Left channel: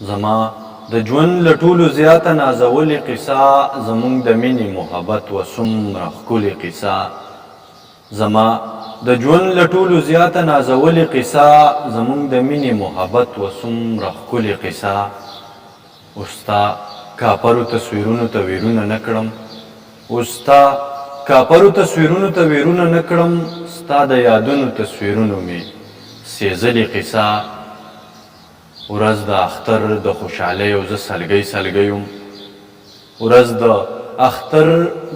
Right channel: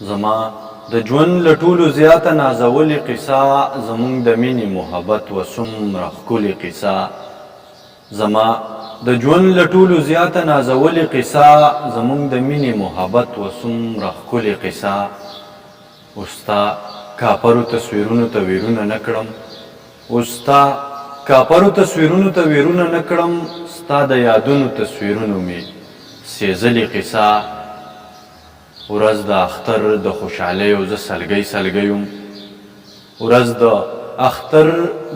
زما د ژوند له ټولو زیاته نازولې قصه زمونږ د مینې محبت و څومره ښکلې قصه. زما د ژوند له ټولو زیاته نازولې قصه زمونږ د مینې محبت و څومره ښکلې قصه. اوس ستا کاپرو تصویرونو ته ویرونه نه کړم، اوس ستا کاپرو تصویرونو ته ویرونه نه کړم، ستا د یادونو تصویرونو مې سېزلې قصه. ورځ د اختر د خوشحالیو زه سلګۍ سلګۍ یم، ورځ د اختر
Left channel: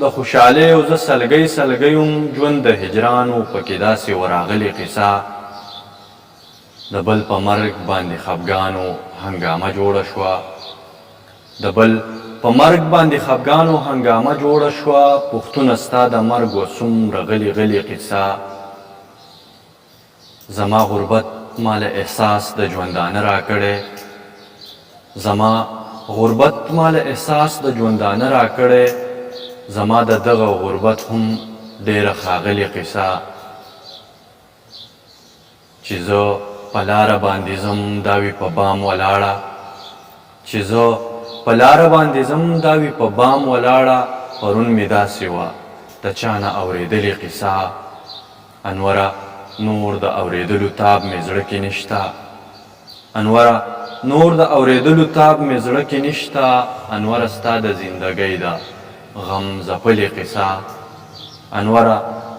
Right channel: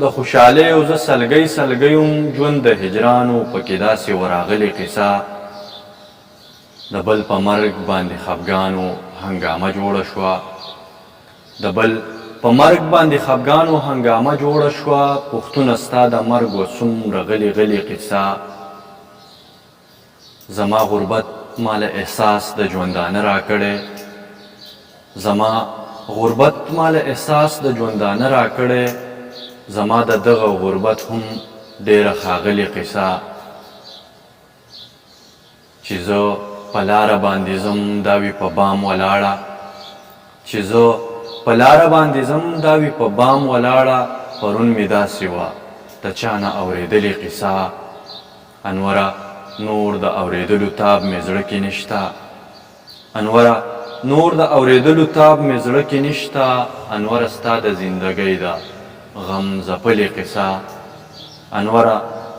د خوشحالیو زه سلګۍ سلګۍ یم، ژوند د هجرانو پکې داسې وراغلې قصه. د بل په مرګ باندې خفګانو هنګامه جوړه شوه، د بل په مرګ باندې خفګانو هنګامه جوړه شوه، پوښتنه ستا د مرګ و څومره غلې غلې قصه. زما غربت مال احساس د ژوندانه راکړی، زما غربت مال احساس د ژوندانه راکړی، زما د دغه غربت هم ډیره ښاغلې قصه. چې زه په لاره باندې ځم دا وي په بام ولاړه، چې زه په لاره باندې ځم دا وي په بام ولاړه، پرون مې داسې وه د چا نه اورېدلې قصه. انوره نور د اورېدلو تاب مې زړه کې نشته، انوره نور د اورېدلو تاب مې زړه کې نشته، انوره ستا د زندګۍ ده غم ځپلې قصه. انوره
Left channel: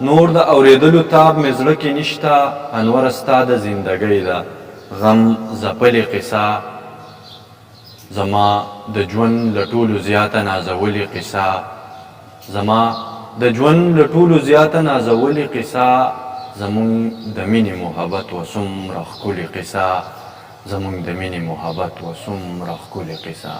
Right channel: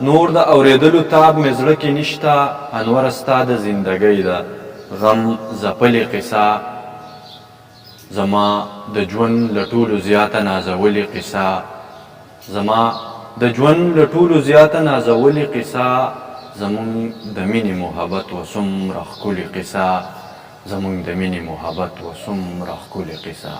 نور د اورېدلو تاب مې زړه کې نشته، انوره ستا د زندګۍ ده غم ځپلې قصه. زما د ژوند له ټولو زیاته نازولې قصه، زما د ژوند له ټولو زیاته نازولې قصه، زمونږ د مینې محبت و څومره ښکلې قصه، زمونږ د مینې محبت و څومره ښکلې قصه.